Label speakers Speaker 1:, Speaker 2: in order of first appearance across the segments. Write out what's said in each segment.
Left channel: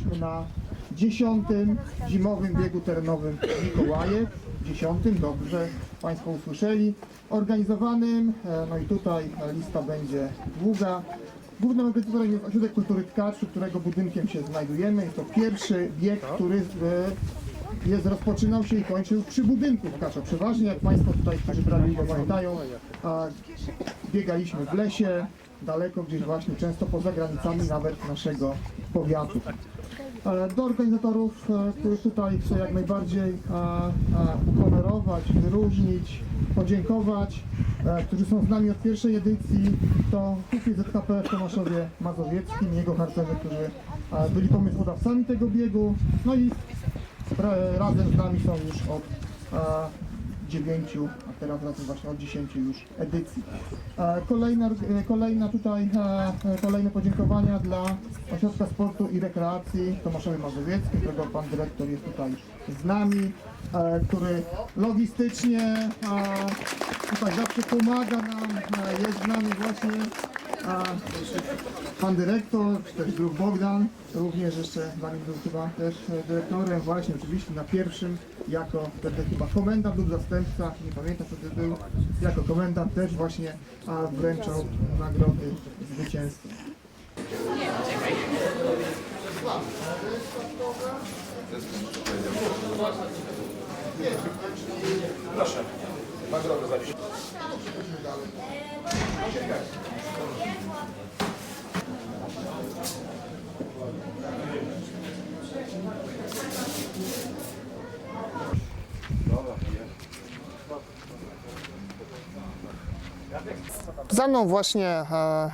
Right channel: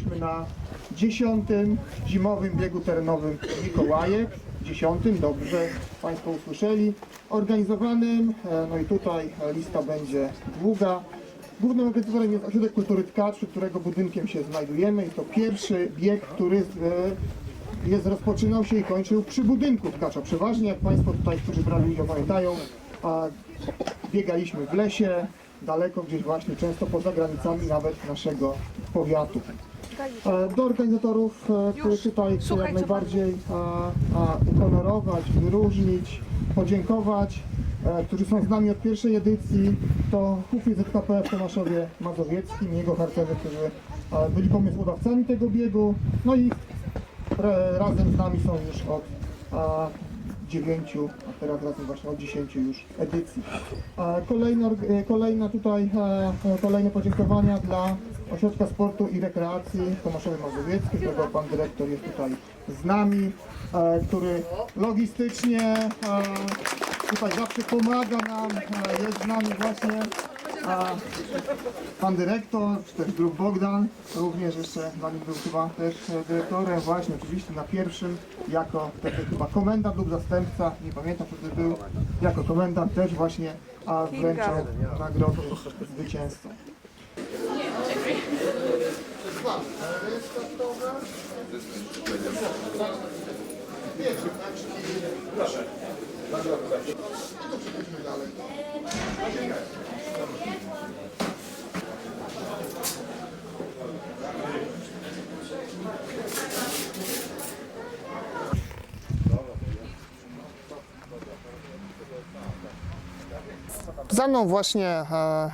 Speaker 1: Jesteśmy na dziesiątym zimowym biegu terenowym Mikołajek. Dziesiątym, dobrze Państwo usłyszeli. Organizowanym, e, no i tutaj e, lista będzie długa. Głównym organizatorem jest Ośrodek Kultury Tkaczy, którego budynkiem się znajdujemy. Jest to pierwszy bieg, który e, jest, rozpoczynał się i kończył przy budynku Tkacza. Przeważnie, jak Państwo tutaj, którzy brali udział pamiętają, a, biegaliśmy w lesie, daleko gdzieś właśnie, często poza granicami nawet naszego powiatu. E, Do organizatorów, e, których tutaj chcę jak najbardziej e, uhonorować, wyróżnić, podziękować, e, którzy są z nami od pierwszej edycji, to Hufy ZKP w Tomaszowie Mazowieckim, jego harcerze, którzy e, byli pomysłodawcami tego biegu, no i e, razem z nami są już od e, dziewięciu, a teraz razem właśnie od dziesięciu już edycji. E, Kolejna, e, kolejna tutaj, e, e, kolejne podziękowania dla Ośrodka Sportu i Rekreacji w Tomaszowie Mazowieckim, którego pan dyrektor jest tutaj z nami, e, który logistycznie tutaj zawsze pomaga nam, jest z nami właśnie a pan dyrektor, czy też druk Bogdan, również jeszcze zanim był chyba też e, dyrektorem, właśnie oczywiście na pierwszym, jako wtedy chyba komendant lub zastępca, nie pamiętam wtedy był, jako komendant też właśnie a wręczał nagrody zwycięzcom. Proszę. Bardzo dobrze. No to przechodzimy dalej. Za mną właśnie e,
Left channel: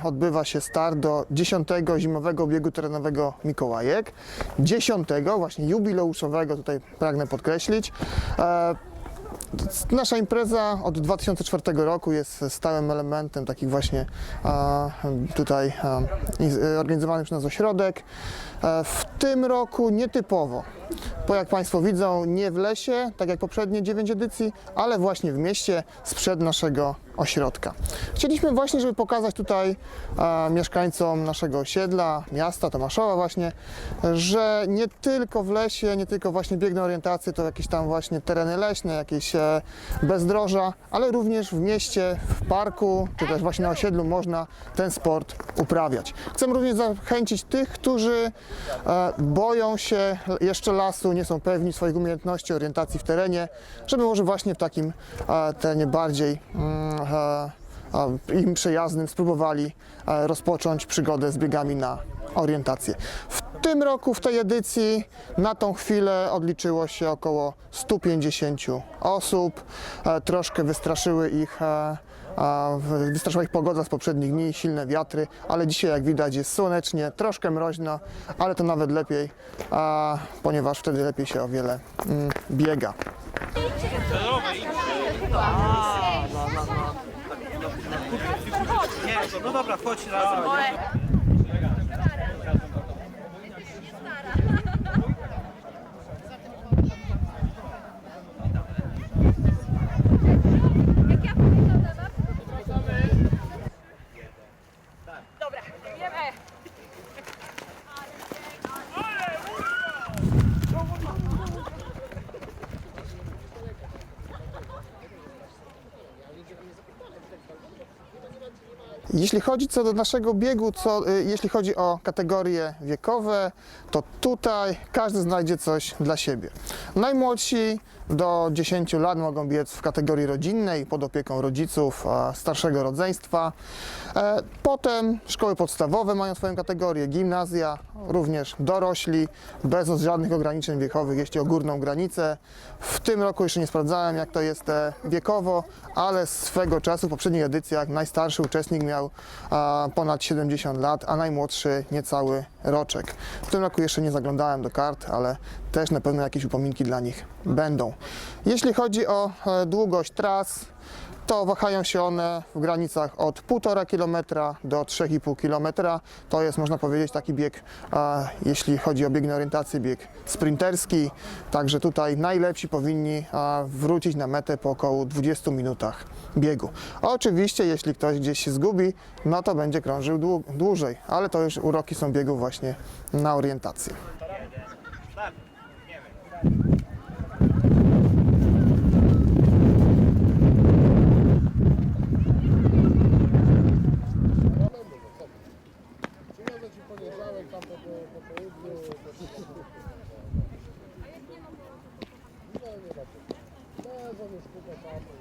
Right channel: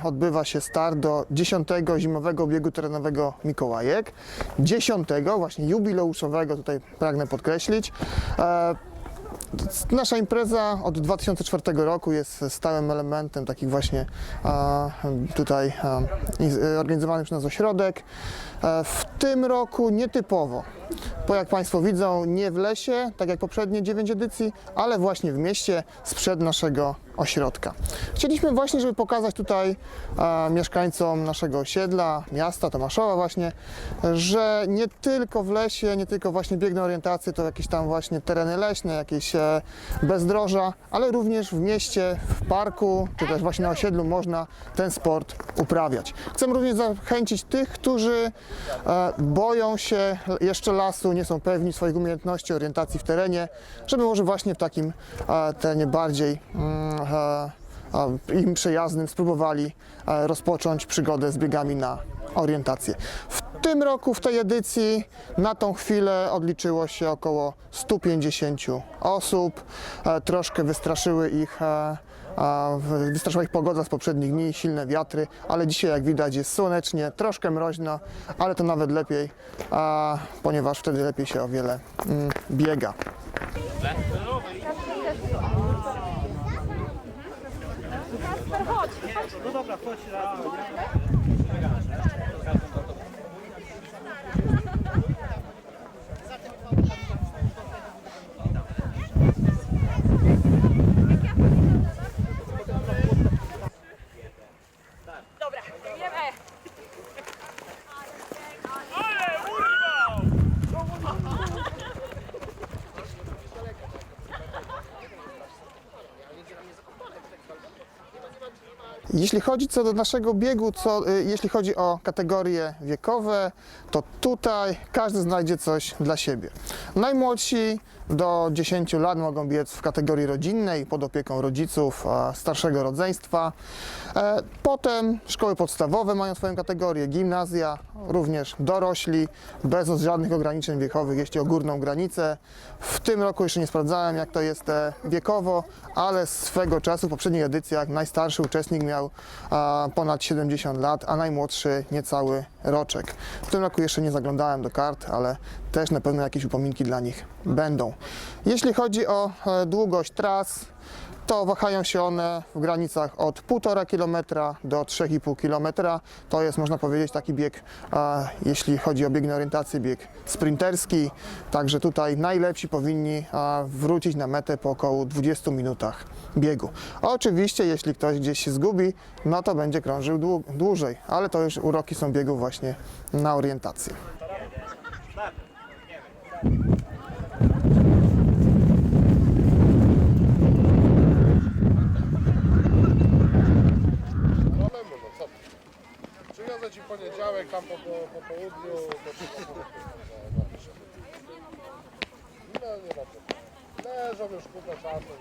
Speaker 1: odbywa się start do 10 zimowego biegu terenowego Mikołajek. 10 właśnie jubileuszowego, tutaj pragnę podkreślić. E, Nasza impreza od 2004 roku jest stałym elementem takich właśnie a, tutaj a, i- organizowany przez nas ośrodek. E, W tym roku nietypowo, bo jak Państwo widzą, nie w lesie, tak jak poprzednie 9 edycji, ale właśnie w mieście sprzed naszego ośrodka. Chcieliśmy właśnie, żeby pokazać tutaj e, mieszkańcom naszego osiedla, miasta Tomaszowa właśnie, że nie tylko w lesie, nie tylko właśnie bieg na orientację to jakieś tam właśnie tereny leśne, jakieś e, bezdroża, ale również w mieście, w parku, czy też właśnie na osiedlu można ten sport uprawiać. Chcemy również zachęcić tych, którzy e, boją się jeszcze lasu, nie są pewni swoich umiejętności, orientacji w terenie, żeby może właśnie w takim e, terenie bardziej mm, im przyjaznym spróbowali e, rozpocząć przygodę z biegami na orientację. W tym roku, w tej edycji, na tą chwilę odliczyło się około 150 osób. E, Troszkę wystraszyły ich, e, wystraszyła ich pogoda z poprzednich dni, silne wiatry, ale dzisiaj jak widać jest słonecznie, troszkę mroźno, ale to nawet lepiej, ponieważ wtedy lepiej się o wiele mm, biega.
Speaker 2: No dobra, chodź razem.
Speaker 3: Dobra,
Speaker 1: Jeśli chodzi co do naszego biegu, co, y, jeśli chodzi o kategorie wiekowe, to tutaj każdy znajdzie coś dla siebie. Najmłodsi do 10 lat mogą biec w kategorii rodzinnej pod opieką rodziców starszego rodzeństwa. E, Potem szkoły podstawowe mają swoją kategorię, gimnazja, również dorośli, bez żadnych ograniczeń wiekowych, jeśli o górną granicę. W tym roku jeszcze nie sprawdzałem, jak to jest e, wiekowo, ale swego czasu w poprzednich edycjach najstarszy uczestnik miał ponad 70 lat, a najmłodszy niecały roczek. W tym roku jeszcze nie zaglądałem do kart, ale też na pewno jakieś upominki dla nich będą. Jeśli chodzi o e, długość tras, to wahają się one w granicach od 1,5 km do 3,5 km. To jest, można powiedzieć, taki bieg, jeśli chodzi o bieg na orientację, bieg sprinterski. Także tutaj najlepsi powinni wrócić na metę po około 20 minutach biegu. Oczywiście, jeśli ktoś gdzieś się zgubi, no to będzie krążył dłu- dłużej, ale to już uroki są biegów właśnie na orientację.
Speaker 4: Poniedziałek tam po, po, po południu. No nie co. Leżą już kupę czasu.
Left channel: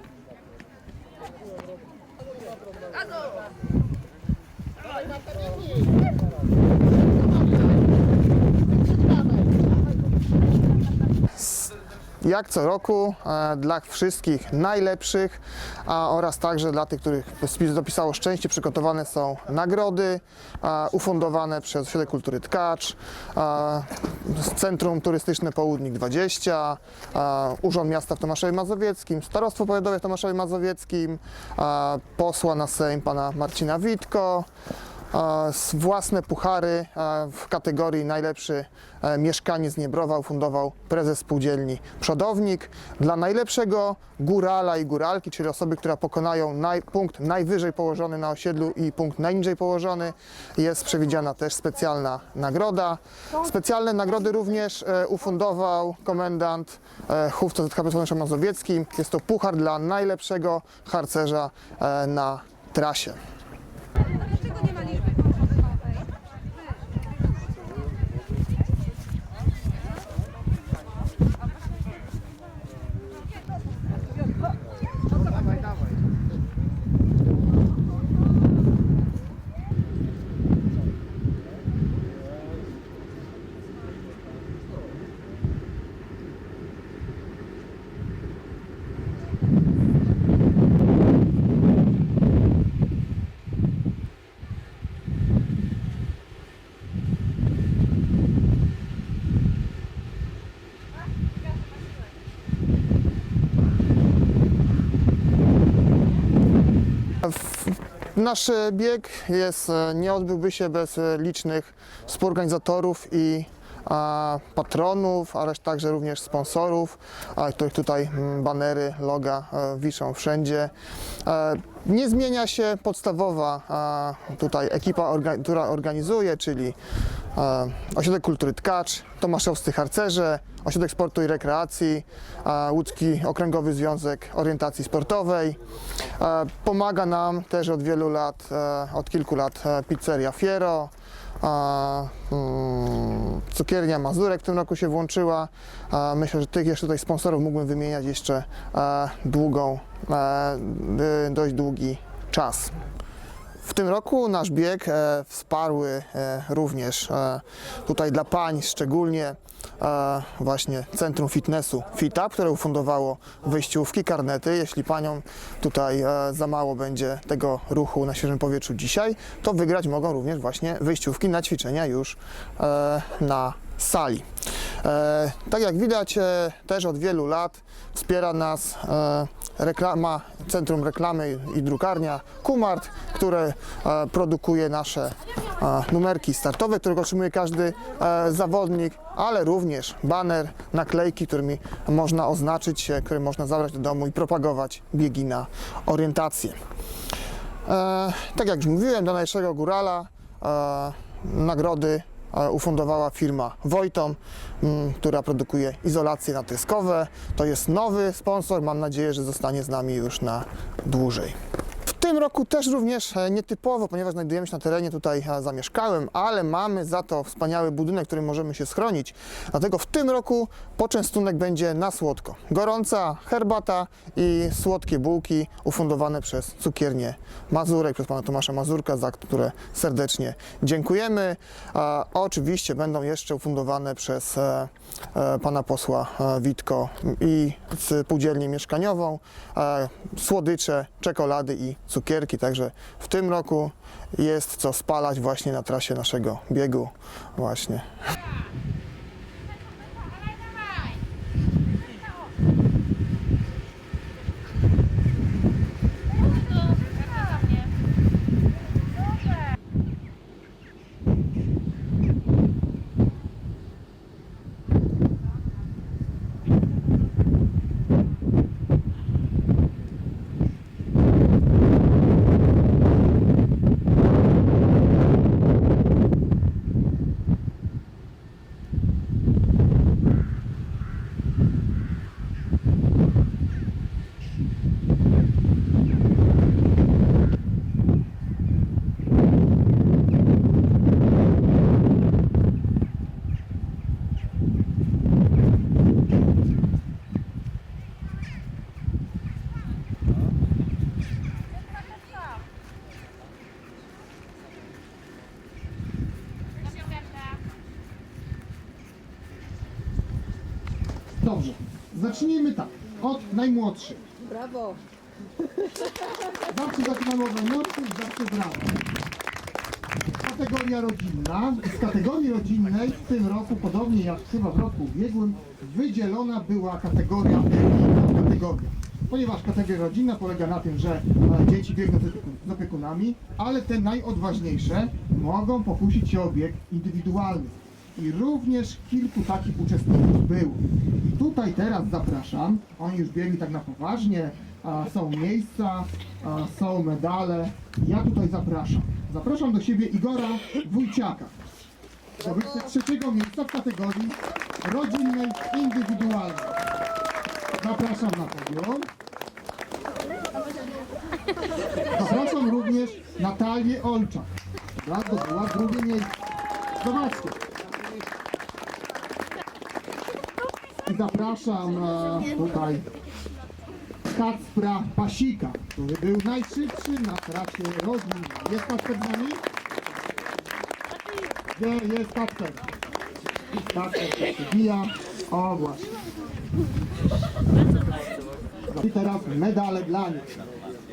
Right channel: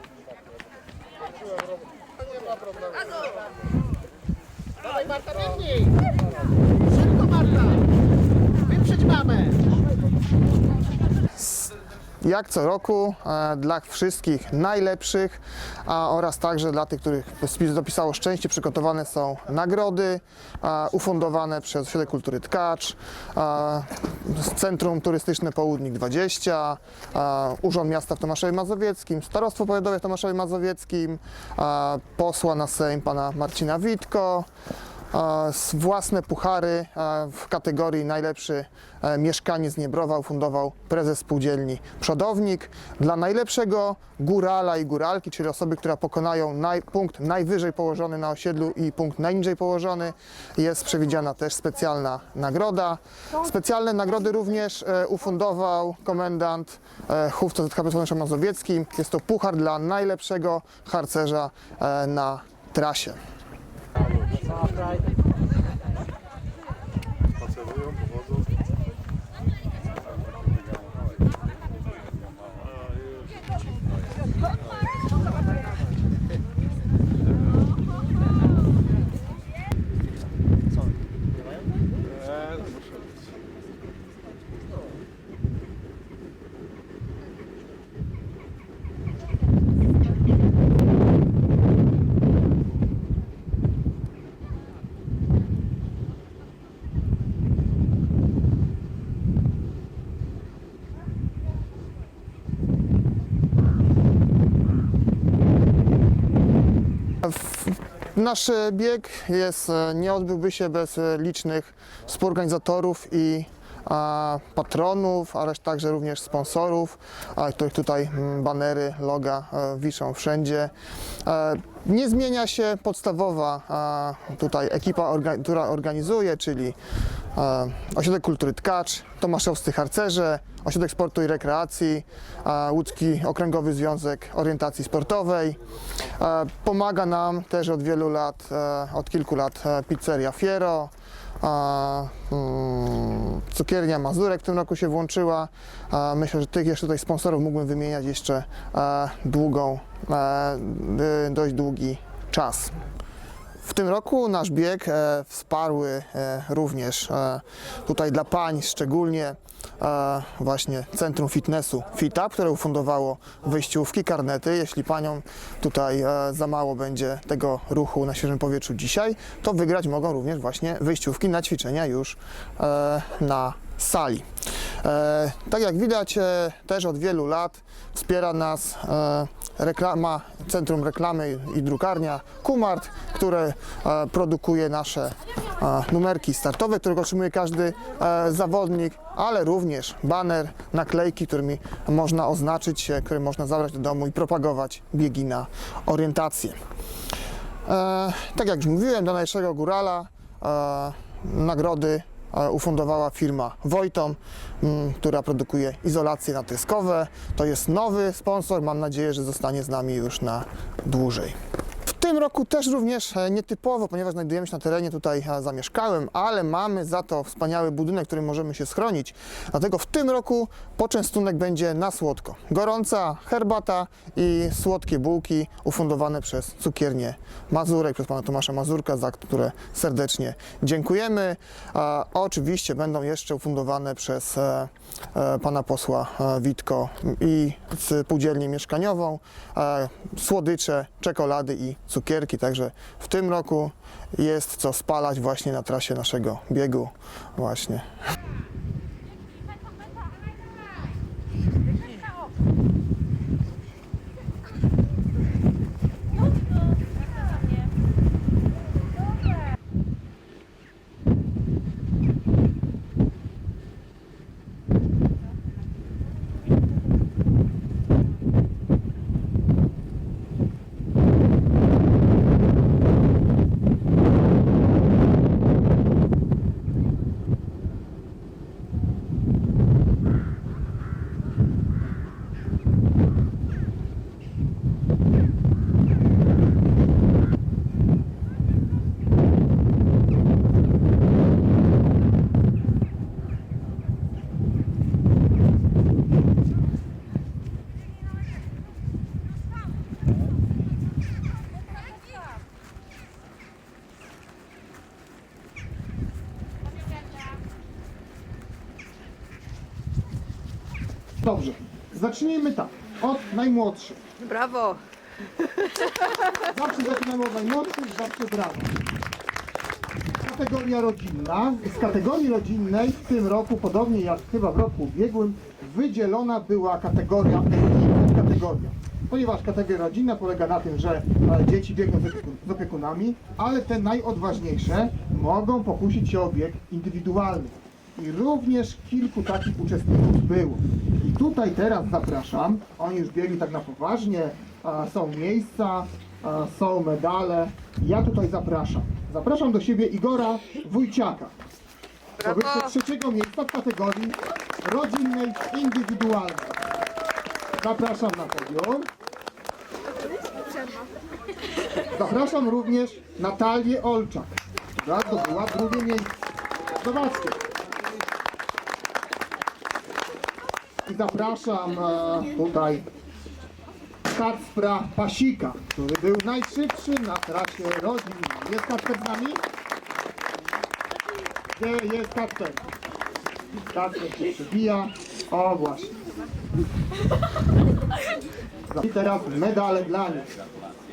Speaker 4: Nie ma problemu.
Speaker 5: Dawaj Marta, biegnij! Szybko Marta! Wyprzedź mamę!
Speaker 1: Jak co roku e, dla wszystkich najlepszych a, oraz także dla tych, których dopisało szczęście, przygotowane są nagrody a, ufundowane przez Ośrodek Kultury Tkacz, a, Centrum Turystyczne Południk 20, a, Urząd Miasta w Tomaszowie Mazowieckim, Starostwo Powiatowe w Tomaszowie Mazowieckim, posła na Sejm pana Marcina Witko, e, własne puchary w kategorii najlepszy e, mieszkaniec Niebrowa ufundował prezes spółdzielni Przodownik. Dla najlepszego górala i góralki, czyli osoby, która pokonają naj, punkt najwyżej położony na osiedlu i punkt najniżej położony, jest przewidziana też specjalna nagroda. Specjalne nagrody również e, ufundował komendant e, Hufca ZKP Słonecznym Mazowieckim. Jest to puchar dla najlepszego harcerza na trasie. Right. Nasz e, bieg jest, e, nie odbyłby się bez e, licznych współorganizatorów i patronów, ale także również sponsorów, których tutaj banery, loga wiszą wszędzie. Nie zmienia się podstawowa tutaj ekipa, która organizuje, czyli Ośrodek Kultury Tkacz, Tomaszowscy Harcerze, Ośrodek Sportu i Rekreacji, Łódzki Okręgowy Związek Orientacji Sportowej. E, Pomaga nam też od wielu lat, e, od kilku lat e, pizzeria Fiero, mm, cukiernia Mazurek w tym roku się włączyła. Myślę, że tych jeszcze tutaj sponsorów mógłbym wymieniać jeszcze długą, dość długi czas. W tym roku nasz bieg e, wsparły e, również e, tutaj dla pań szczególnie właśnie Centrum Fitnessu FitUp, które ufundowało wyjściówki, karnety. Jeśli paniom tutaj e, za mało będzie tego ruchu na świeżym powietrzu dzisiaj, to wygrać mogą również właśnie wyjściówki na ćwiczenia już e, na sali. E, tak jak widać, e, też od wielu lat wspiera nas e, reklama, Centrum Reklamy i Drukarnia Kumart, które e, produkuje nasze e, numerki startowe, których otrzymuje każdy e, zawodnik, ale również baner, naklejki, którymi można oznaczyć się, które można zabrać do domu i propagować biegi na orientację. Tak jak już mówiłem, dla najlepszego górala nagrody ufundowała firma Wojtom, m, która produkuje izolacje natryskowe. To jest nowy sponsor, mam nadzieję, że zostanie z nami już na dłużej. Tym roku też również e, nietypowo, ponieważ znajdujemy się na terenie tutaj e, zamieszkałym, ale mamy za to wspaniały budynek, w którym możemy się schronić. Dlatego w tym roku poczęstunek będzie na słodko. Gorąca herbata i słodkie bułki ufundowane przez cukiernię Mazurek, przez pana Tomasza Mazurka, za które serdecznie dziękujemy. A oczywiście będą jeszcze ufundowane przez e, pana posła Witko i spółdzielnię mieszkaniową, słodycze, czekolady i cukierki. Także w tym roku jest co spalać właśnie na trasie naszego biegu. Właśnie. Zacznijmy tak. Od najmłodszych.
Speaker 3: Brawo.
Speaker 1: Zawsze zaczynamy od najmłodszych, zawsze brawa. Kategoria rodzinna. Z kategorii rodzinnej w tym roku, podobnie jak chyba w roku ubiegłym, wydzielona była kategoria RI, podkategoria. Ponieważ kategoria rodzinna polega na tym, że e, dzieci biegną z opiekunami, ale te najodważniejsze mogą pokusić się o bieg indywidualny. I również kilku takich uczestników było. I tutaj teraz zapraszam, oni już biegli tak na poważnie, są miejsca, są medale. Ja tutaj zapraszam. Zapraszam do siebie Igora Wójciaka. Zdobywcę trzeciego miejsca w kategorii rodzinnej indywidualnej. Zapraszam na podium. Zapraszam również Natalię Olczak. która zdobyła drugie miejsce. Zobaczcie. Zapraszam e, tutaj Kacpra Pasika, który był najszybszy na trasie rodzinnej. Jest Kacper z nami? Gdzie jest Kacper? Kacper się przybija. O właśnie. I teraz medale dla nich.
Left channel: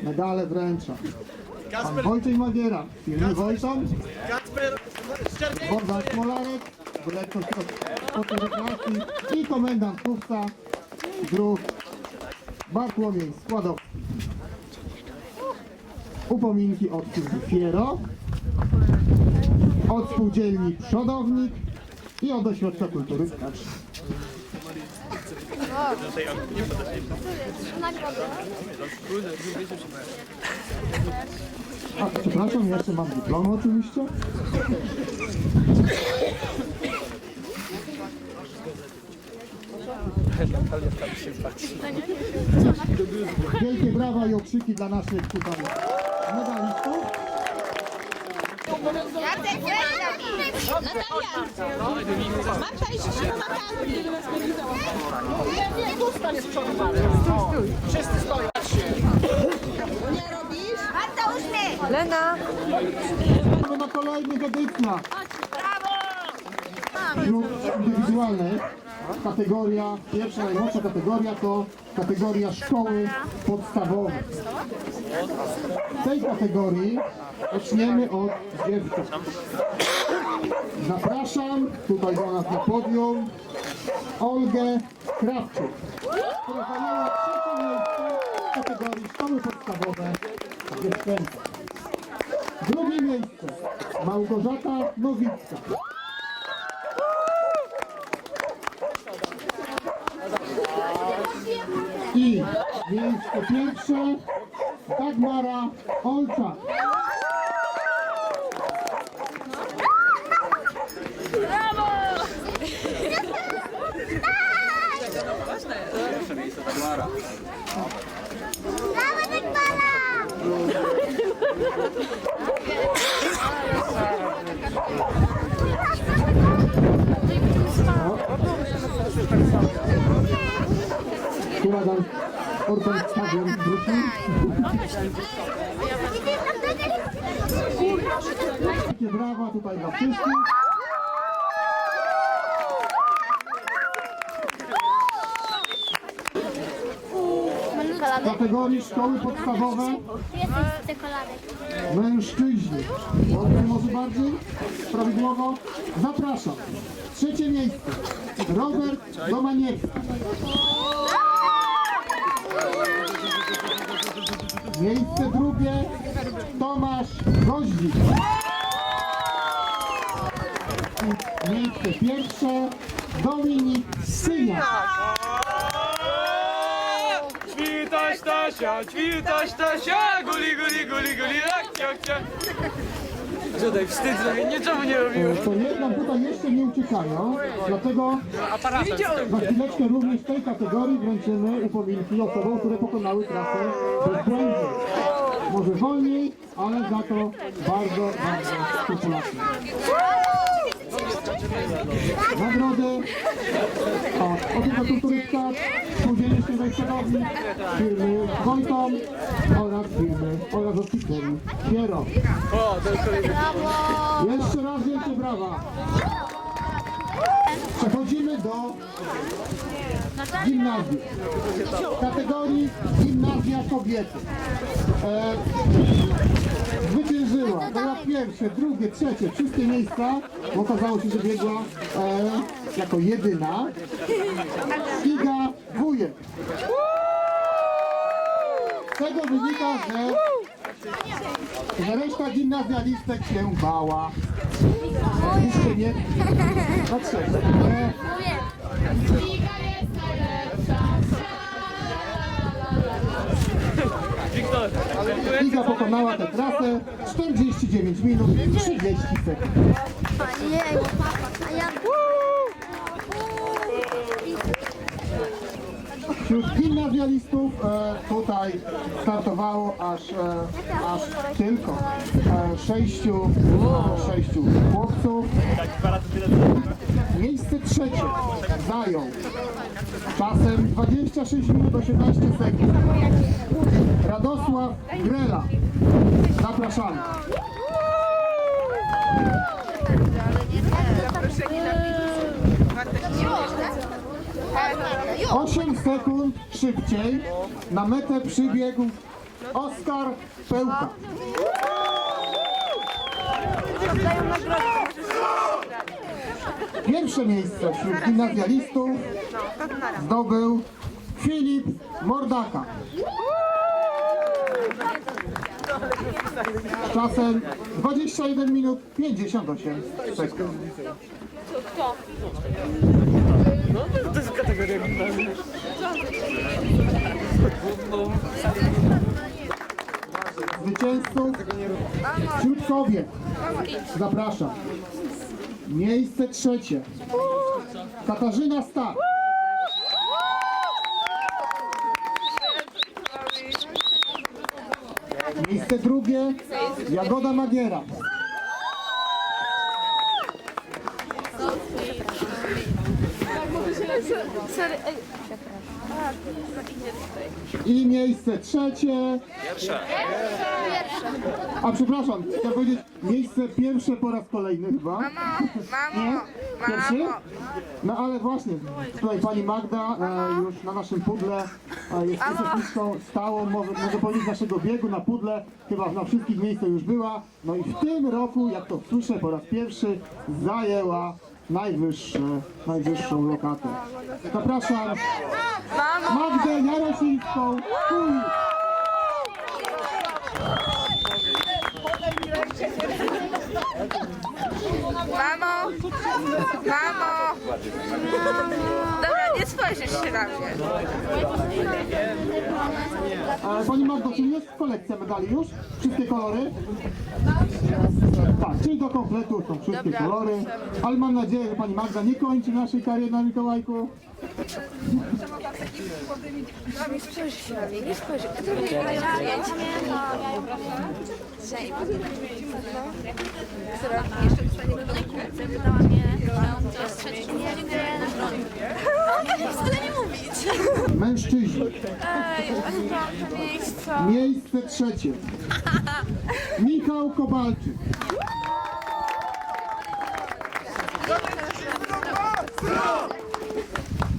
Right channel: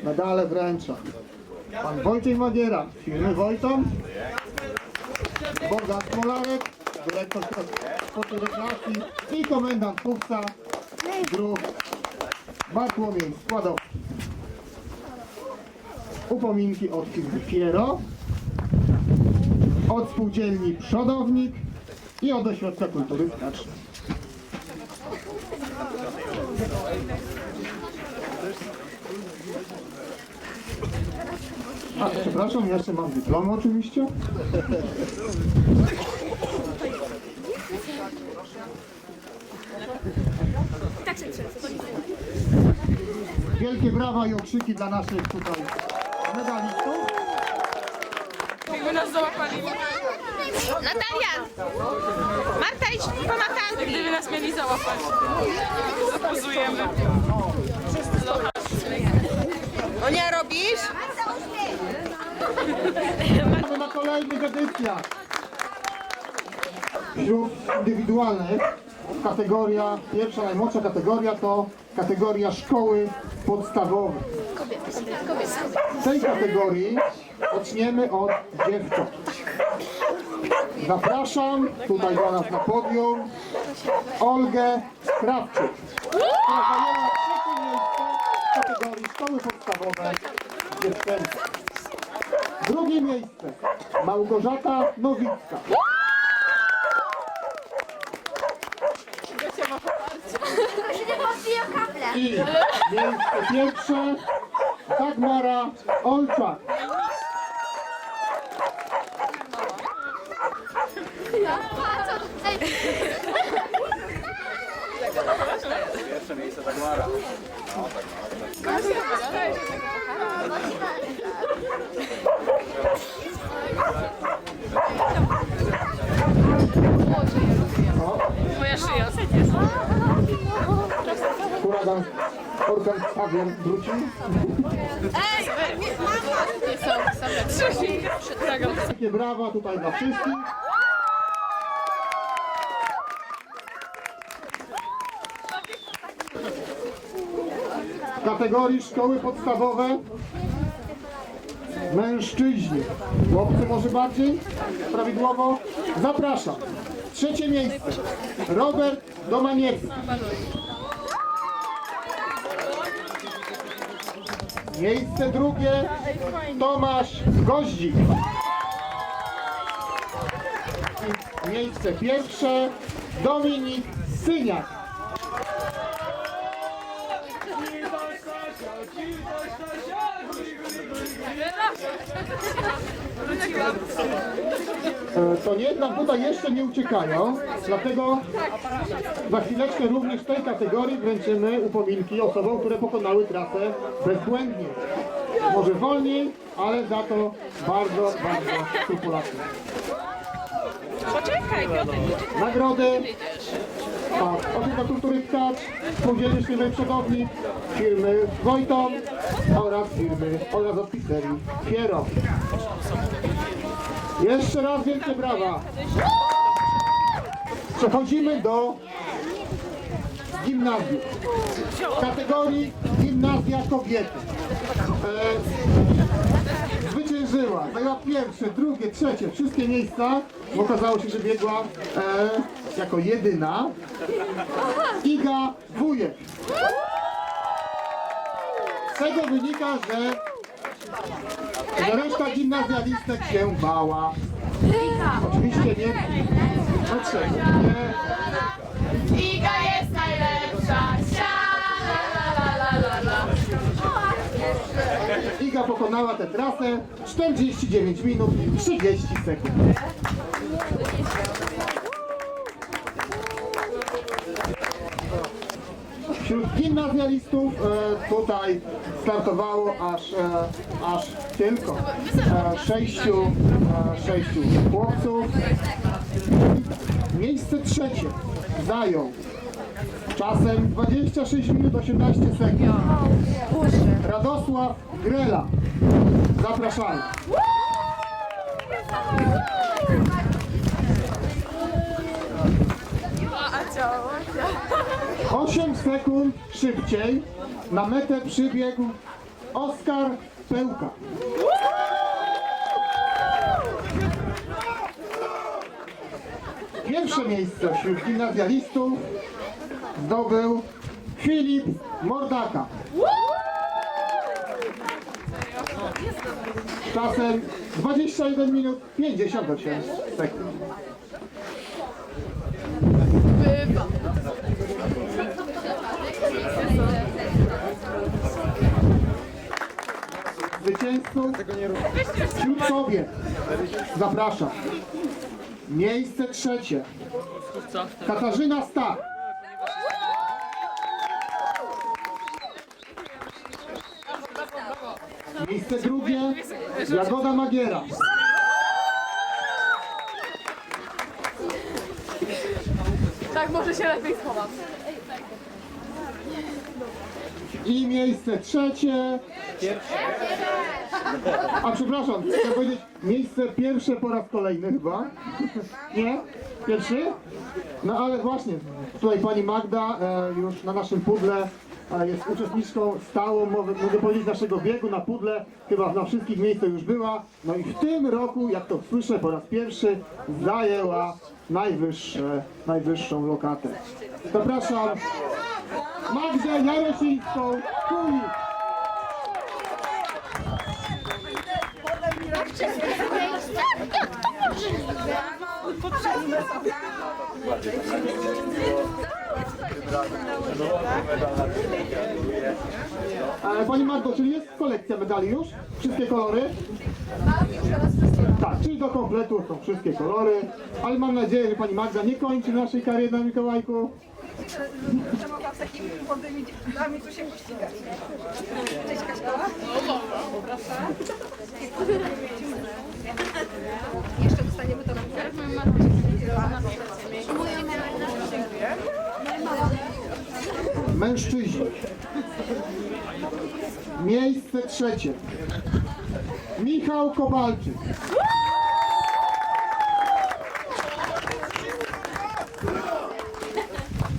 Speaker 1: Medale wręcza. Pan Wojciech Magiera, firmy Wojton. Bogdan Smolarek, dyrektor rekreacji i komendant Kupca, druh Bartłomiej Składowski. Upominki od Fiero, od spółdzielni Przodownik i od ośrodka kultury Skacz. A, przepraszam, jeszcze mam dyplom oczywiście. Wielkie brawa i okrzyki dla naszych tutaj medalistów.
Speaker 3: Natalia! Marta, idź pomachamy. Gdyby nas mieli Monia, robisz? Lena.
Speaker 1: Mamy na kolejnych edycjach. Grup indywidualnych. Kategoria, pierwsza, najmłodsza kategoria to kategoria szkoły podstawowe. W tej kategorii zaczniemy od dziewcząt. Zapraszam tutaj do nas na podium Olgę Krawczyk. Drugie miejsce Małgorzata Nowicka. I miejsce pierwsze Dagmara Olczak.
Speaker 2: Pierwsze miejsce Dagmara.
Speaker 1: Która tam organ stadion wróci. Takie brawa tutaj dla wszystkich. W kategorii szkoły podstawowe mężczyźni. Chłopcy może bardziej prawidłowo? Zapraszam. Trzecie miejsce. Robert Domaniecki. Miejsce drugie Tomasz Goździk. I miejsce pierwsze Dominik Syniak.
Speaker 2: Ćwitaś Stasia, ćwitaś Stasia, guli, guli, guli, guli, jak. Żadaj, wstyd, że niczemu nie robię.
Speaker 1: E, To nie, nam tutaj jeszcze nie uciekają, dlatego za chwileczkę również w tej kategorii wręczymy upominki osobom, które pokonały trasę bezbłędnie. Może wolniej, ale za to bardzo, bardzo skrupulatnie. Nagrody od Opieka Kultury Stacz, Spółdzielni Śnieżnej Przodowni, firmy Wojton oraz firmy oraz oficerii Fiero. Jeszcze raz wielkie brawa. Przechodzimy do gimnazjum. W kategorii gimnazja kobiety. E, Była pierwsze, drugie, trzecie, wszystkie miejsca. Bo okazało się, że biegła e, jako jedyna. Iga Wujek. Z tego wynika, że, reszta gimnazjalistek się bała. Oczywiście nie. Dlaczego?
Speaker 3: Jest najlepsza,
Speaker 1: Iga pokonała tę trasę 49 minut 30 sekund. Wśród gimnazjalistów e, tutaj startowało aż, e, aż tylko e, sześciu, e, sześciu chłopców. Miejsce trzecie zajął czasem 26 minut 18 sekund. Radosław Grela. Zapraszamy. Osiem sekund szybciej na metę przybiegł Oskar Pełka. Pierwsze miejsce wśród gimnazjalistów zdobył Filip Mordaka. Czasem 21 minut 58 sekund. Zwycięzców wśród kobiet zapraszam. Miejsce trzecie. Katarzyna Stach. Miejsce drugie Jagoda Magiera.
Speaker 2: Tak, może się lepiej
Speaker 1: I miejsce trzecie. A przepraszam, chcę powiedzieć miejsce pierwsze po raz kolejny chyba. Nie? Pierwszy? No ale właśnie, tutaj pani Magda e, już na naszym pudle e, jest uczestniczką stałą, mogę, mogę powiedzieć, naszego biegu na pudle. Chyba na wszystkich miejscach już była. No i w tym roku, jak to słyszę po raz pierwszy, zajęła najwyższe, najwyższą lokatę. Zapraszam Magdę Jarosińską.
Speaker 3: Mamo! Mamo! Nie spojrzysz się na mnie.
Speaker 1: E, Pani Magdo, czy jest kolekcja medali już? Wszystkie kolory? Tak, czyli do kompletu są wszystkie kolory, ale mam nadzieję, że Pani Magda nie kończy naszej kariery na Mikołajku.
Speaker 3: Jeszcze dostaniemy to
Speaker 1: Mężczyźni. Miejsce trzecie. Michał Kowalczyk.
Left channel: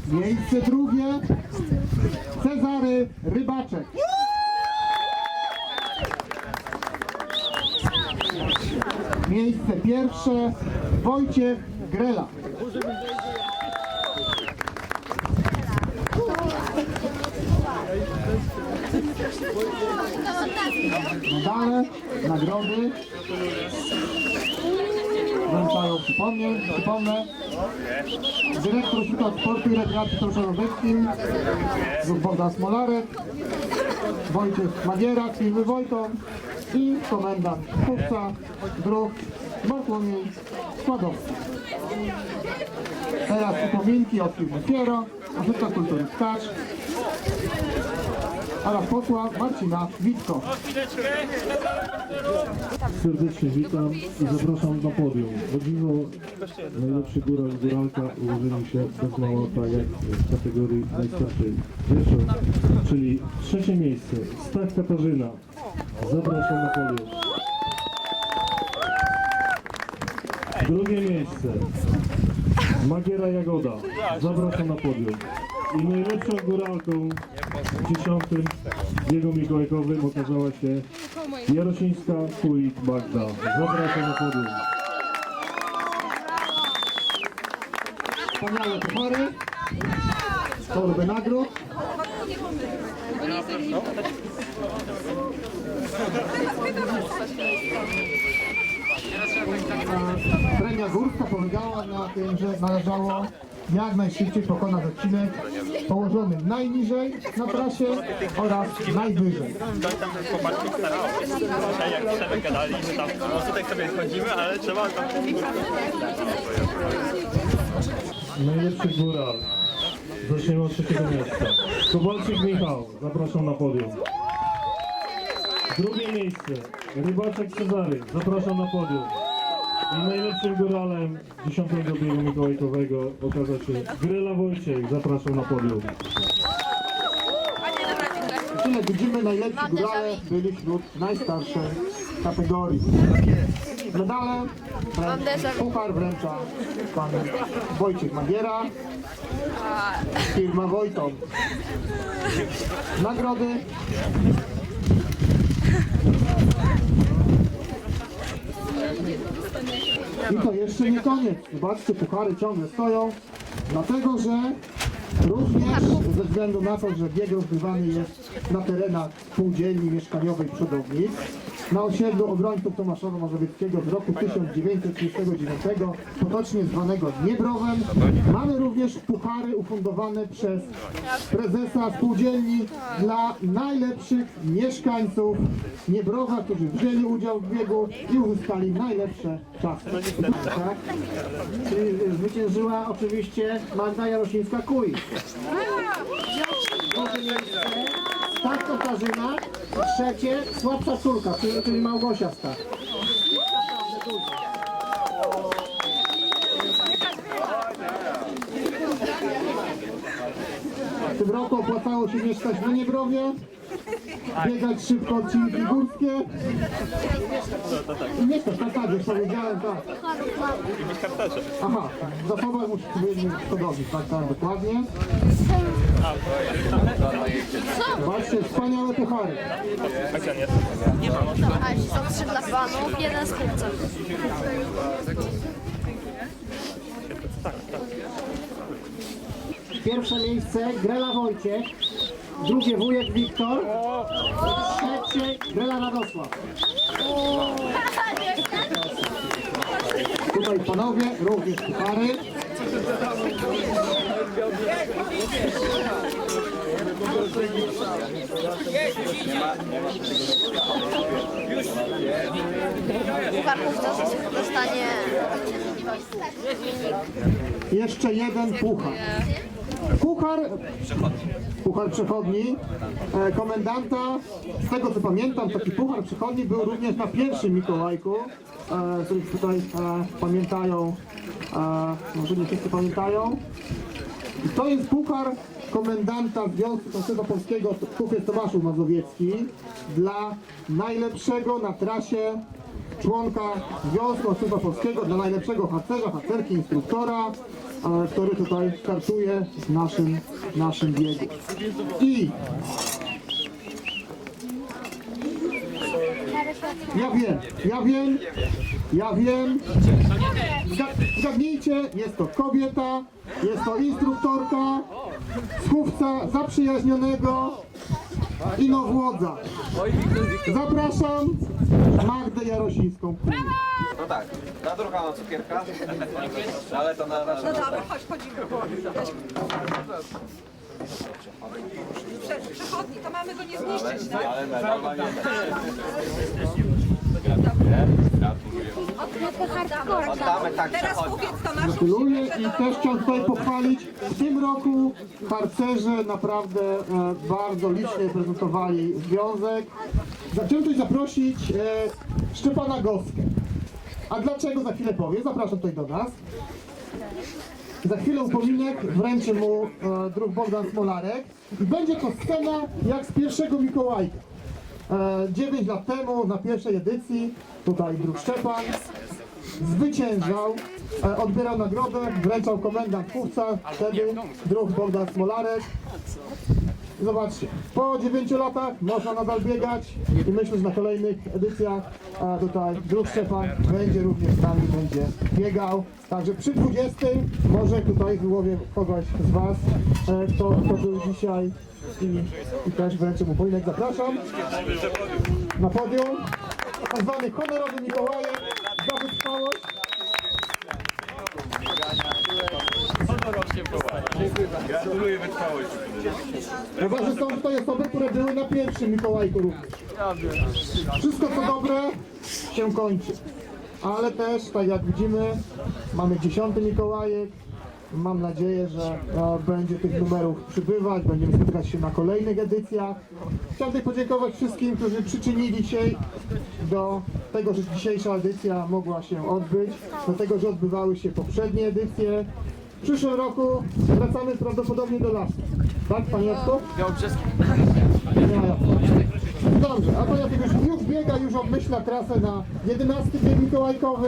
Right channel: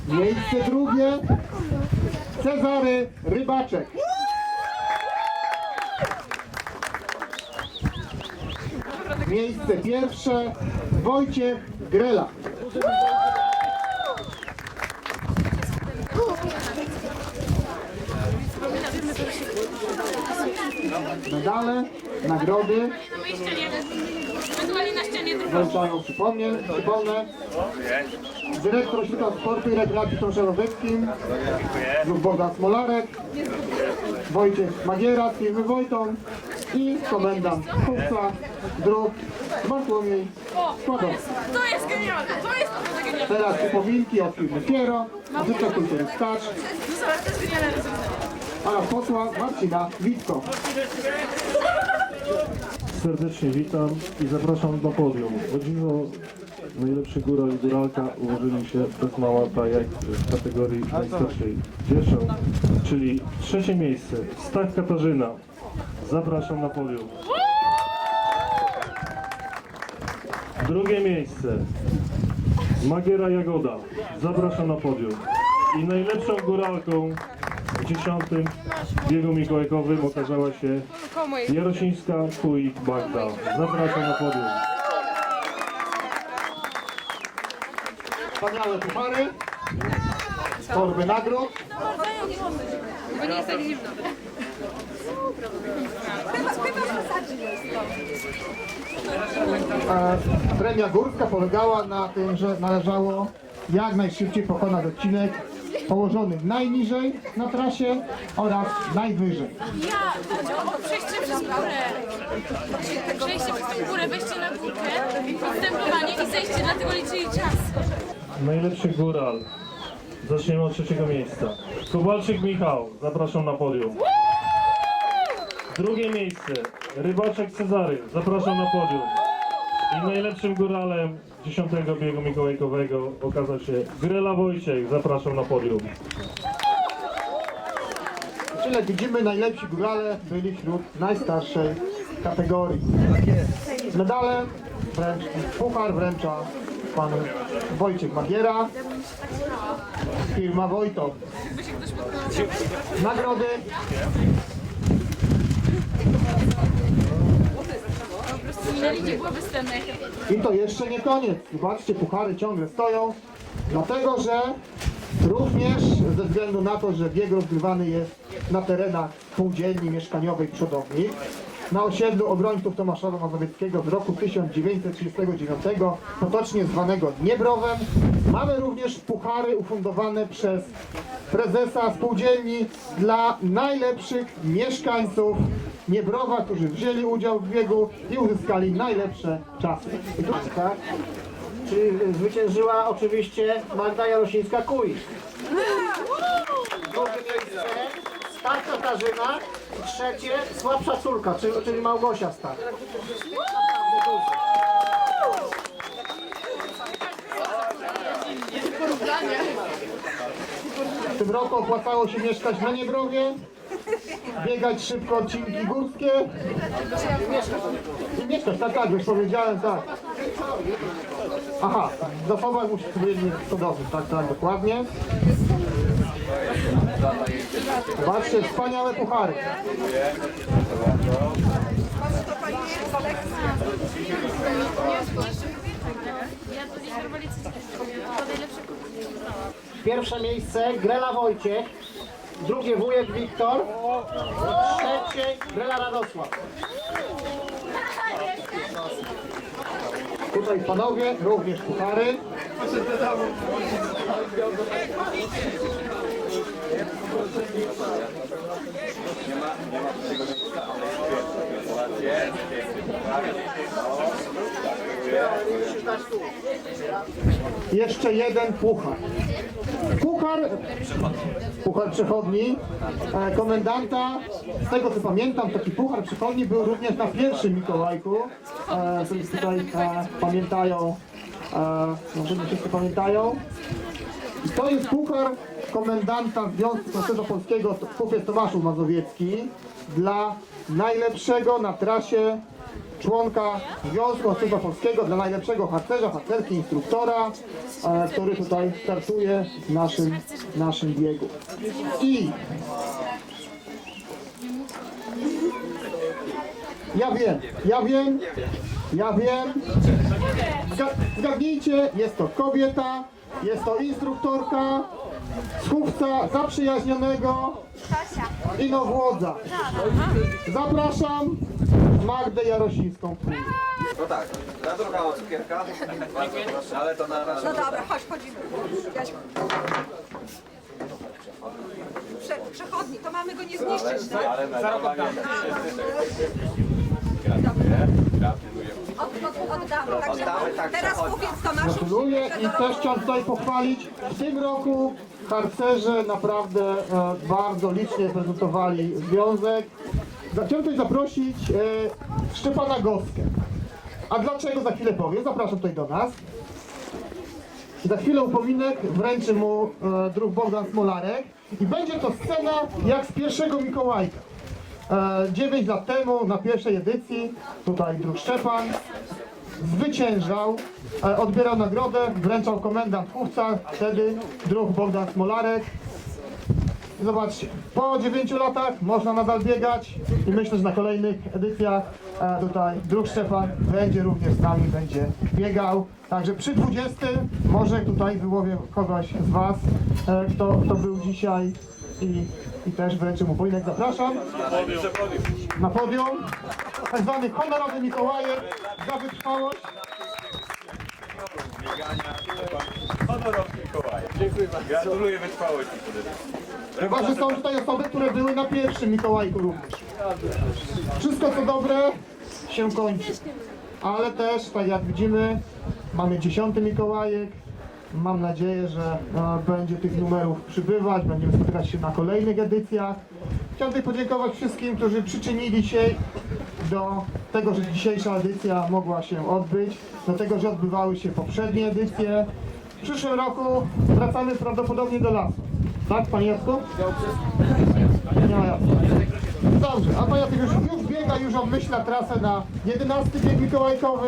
Speaker 1: Miejsce drugie. Cezary Rybaczek. Miejsce pierwsze. Wojciech Grela. Medale, nagrody. Wręczają, przypomnę, przypomnę. Dyrektor Ośrodka Sportu i Rekreacji lub Bogdan Smolarek, Wojciech Magiera, firmy Wojton i komendant Kupca, dróg Bartłomiej Składowski.
Speaker 3: To jest genialne! To jest
Speaker 1: Teraz upominki od firmy Piero, Ośrodka Kultury Skacz oraz posła Marcina Witko.
Speaker 6: Serdecznie witam i zapraszam do podium. Chodziło najlepszy góra i góralka ułożyli się bez mała jak w kategorii najstarszej Rzeszów, czyli trzecie miejsce Stach Katarzyna. Zapraszam na podium. Drugie miejsce Magiera Jagoda. Zapraszam na podium. I najlepszą góralką w dziesiątym biegu mikołajkowym okazała się Jarosińska Kuik Magda. Zapraszam na podium.
Speaker 1: Wspaniałe puchary, torby nagród. Premia górska polegała na tym, że należało jak najszybciej pokonać odcinek położony najniżej na trasie oraz najwyżej.
Speaker 6: Najlepszy góral. Zaczniemy od trzeciego miejsca. Kowalczyk Michał, zapraszam na podium. Drugie miejsce. Rybaczek Cezary, zapraszam na podium. I najlepszym góralem dziesiątego biegu mikołajkowego okazał się Grela Wojciech, zapraszam na podium.
Speaker 1: Tyle widzimy, najlepsi górale byli wśród najstarszej kategorii. Medale, puchar wręcza pan Wojciech Magiera, firma Wojton. Nagrody I to jeszcze nie koniec. Zobaczcie, puchary ciągle stoją, dlatego że również ze względu na to, że bieg rozgrywany jest na terenach spółdzielni mieszkaniowej Przodownik, na osiedlu obrońców Tomaszowa Mazowieckiego w roku 1939, potocznie zwanego Dniebrowem, mamy również puchary ufundowane przez prezesa spółdzielni dla najlepszych mieszkańców Niebrowa, którzy wzięli udział w biegu i uzyskali najlepsze czasy.
Speaker 5: Tak? Czyli zwyciężyła oczywiście Magda Jarosińska-Kuj. Drugie miejsce Stach Katarzyna. Trzecie słabsza córka, czyli, czyli Małgosia Stach.
Speaker 1: W tym roku opłacało się mieszkać na Niebrowie, biegać szybko odcinki górskie i mieszkać, tak, tak, już powiedziałem, tak. Aha, zachować musi sobie cudowny, tak, tak, dokładnie. Zobaczcie, wspaniałe puchary.
Speaker 5: Pierwsze miejsce Grela Wojciech. Drugie wujek Wiktor. Trzecie Grela Radosław.
Speaker 1: Tutaj panowie, również puchary. Jeszcze jeden puchar. Puchar, puchar przechodni, e, komendanta, z tego co pamiętam, taki puchar przechodni był również na pierwszym Mikołajku, e, to jest tutaj e, pamiętają, może nie wszyscy pamiętają. I to jest puchar komendanta Związku Pasterza Polskiego, kupiec Tomaszów Mazowiecki, dla najlepszego na trasie członka Związku Pasterza Polskiego, dla najlepszego harcerza, harcerki, instruktora, e, który tutaj startuje w naszym, naszym biegu. I ja wiem, ja wiem, ja wiem. Zga- Zgadnijcie, jest to kobieta, jest to instruktorka, słuchca zaprzyjaźnionego Inowłodza. Zapraszam Magdę Jarosińską.
Speaker 7: No tak, na drugą cukierka, ale to na razie.
Speaker 8: No dobra, chodź, chodzimy. Jaś... Prze, przechodni, to mamy go nie zniszczyć, tak?
Speaker 7: Ale nie.
Speaker 8: Od, od, oddamy.
Speaker 7: Oddamy, tak,
Speaker 8: teraz
Speaker 7: przechodni.
Speaker 8: kupiec Tomaszu
Speaker 1: Gratuluję
Speaker 8: że
Speaker 1: i też chciałem tutaj pochwalić. W tym roku harcerze naprawdę e, bardzo licznie prezentowali związek. Chciałem tutaj zaprosić e, Szczepana Goskę. A dlaczego za chwilę powiem? Zapraszam tutaj do nas. Za chwilę upominek wręczy mu e, druh Bogdan Smolarek i będzie to scena jak z pierwszego Mikołajka. E, 9 lat temu na pierwszej edycji, tutaj druh Szczepan, zwyciężał, e, odbierał nagrodę, wręczał komendant Kuchca, wtedy druh Bogdan Smolarek. Zobaczcie, po 9 latach można nadal biegać i myślę, że na kolejnych edycjach e, tutaj druh Szczepan będzie również z nami, będzie biegał. Także przy 20 może tutaj wyłowię kogoś z Was, e, kto, kto był dzisiaj i, i też wręczę mu pojedynek. Zapraszam na podium. Tak zwany honorowy Mikołajek za wytrwałość.
Speaker 7: Honorowy Mikołaj. Dziękuję bardzo. Gratuluję wytrwałości.
Speaker 1: Że są tutaj osoby, które były na pierwszym Mikołajku również. Wszystko co dobre się kończy. Ale też, tak jak widzimy, mamy dziesiąty Mikołajek. Mam nadzieję, że e, będzie tych numerów przybywać, będziemy spotykać się na kolejnych edycjach. Tutaj podziękować wszystkim, którzy przyczynili się do tego, że dzisiejsza edycja mogła się odbyć, do tego, że odbywały się poprzednie edycje. W przyszłym roku wracamy prawdopodobnie do lasu. Tak, panie Jacku? Nie ma Jacka. Dobrze, a pan Jacek już, już biega, już obmyśla trasę na 11 bieg mikołajkowy.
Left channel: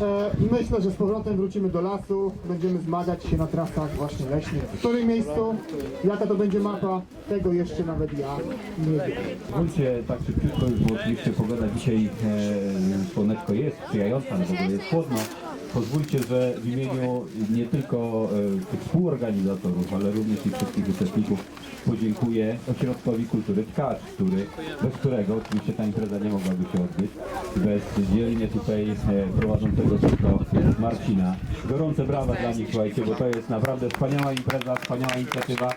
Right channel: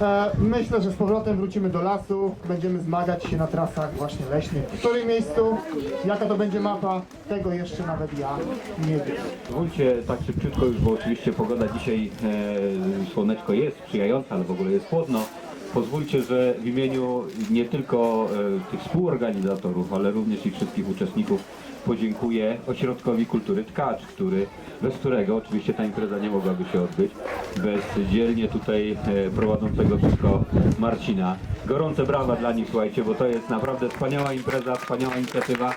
Speaker 1: E, myślę, że z powrotem wrócimy do lasu, będziemy zmagać się na trasach właśnie leśnych. W którym miejscu, jaka to będzie mapa, tego jeszcze nawet ja nie wiem.
Speaker 9: Pozwólcie tak szybciutko już, bo oczywiście pogoda dzisiaj e, słoneczko jest sprzyjająca, ale w ogóle jest chłodno. Pozwólcie, że w imieniu nie tylko e, tych współorganizatorów, ale również i wszystkich uczestników podziękuję Ośrodkowi Kultury Tkacz, który, bez którego oczywiście ta impreza nie mogłaby się odbyć, bez dzielnie tutaj e, prowadzącego wszystko Marcina. Gorące brawa dla nich, słuchajcie, bo to jest naprawdę wspaniała impreza, wspaniała inicjatywa.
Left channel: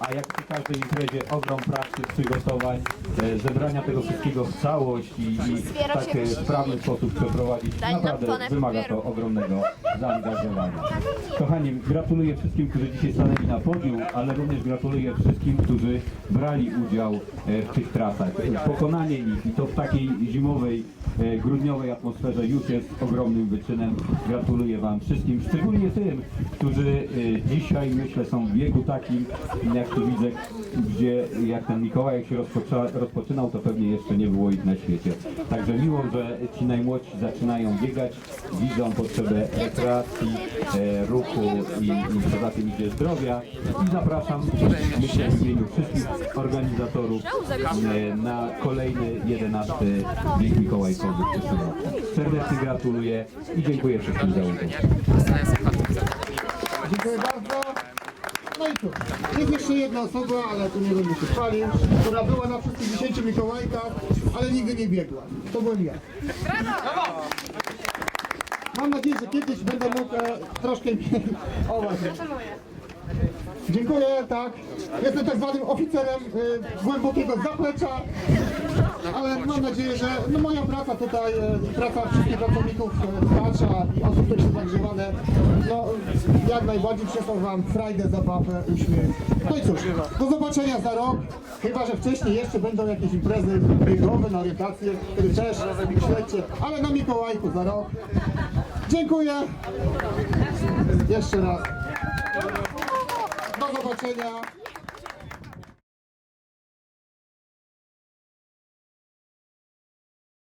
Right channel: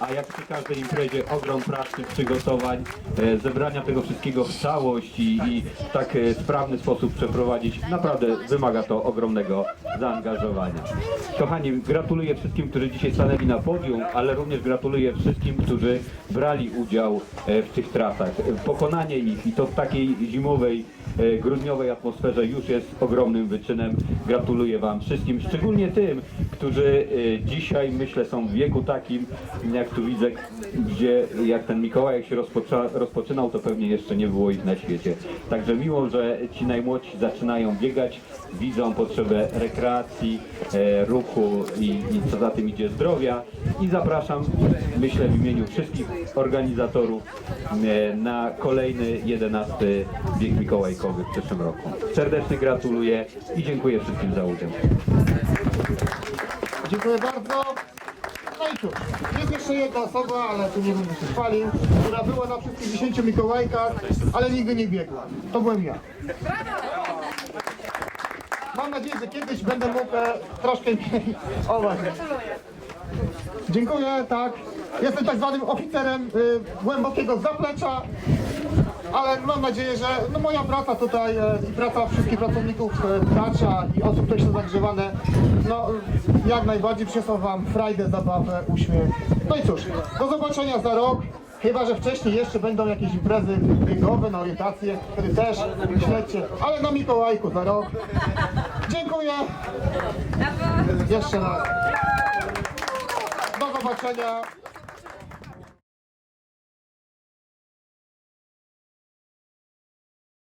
Speaker 9: A jak przy każdej imprezie ogrom pracy, przygotowań, e, zebrania tego wszystkiego w całość i, i w tak e, sprawny sposób przeprowadzić, naprawdę wymaga to ogromnego zaangażowania. Kochani, gratuluję wszystkim, którzy dzisiaj stanęli na podium, ale również gratuluję wszystkim, którzy brali udział e, w tych trasach. Pokonanie ich i to w takiej zimowej, e, grudniowej atmosferze już jest ogromnym wyczynem. Gratuluję Wam wszystkim, szczególnie tym, którzy e, dzisiaj myślę są w wieku takim, jak tu widzę, gdzie jak ten Mikołaj się rozpoczynał, to pewnie jeszcze nie było ich na świecie. Także miło, że ci najmłodsi zaczynają biegać, widzą potrzebę rekreacji, e, ruchu i, i co za tym idzie zdrowia i zapraszam, myślę w imieniu wszystkich organizatorów e, na kolejny 11 bieg Mikołajkowy w przyszłym roku. Serdecznie gratuluję i dziękuję wszystkim za udział.
Speaker 1: Dziękuję bardzo. No i cóż, jest jeszcze jedna osoba, ale tu nie będę się chwalił, która była na wszystkich 10 Mikołajkach, ale nigdy nie biegła. To byłem ja. Mam nadzieję, że kiedyś będę mógł e, troszkę mniej... O właśnie. Dziękuję, tak. Jestem tak zwanym oficerem y, głębokiego zaplecza, ale mam nadzieję, że no, moja praca tutaj e, i praca wszystkich pracowników e, i osób, które są zagrzewane, no jak najbardziej przyniosą Wam frajdę, zabawę, uśmiech. No i cóż, do zobaczenia za rok. Chyba, że wcześniej jeszcze będą jakieś imprezy biegowe na orientację, wtedy też śledźcie, ale na Mikołajku za rok. Dziękuję. Jeszcze raz. Do zobaczenia.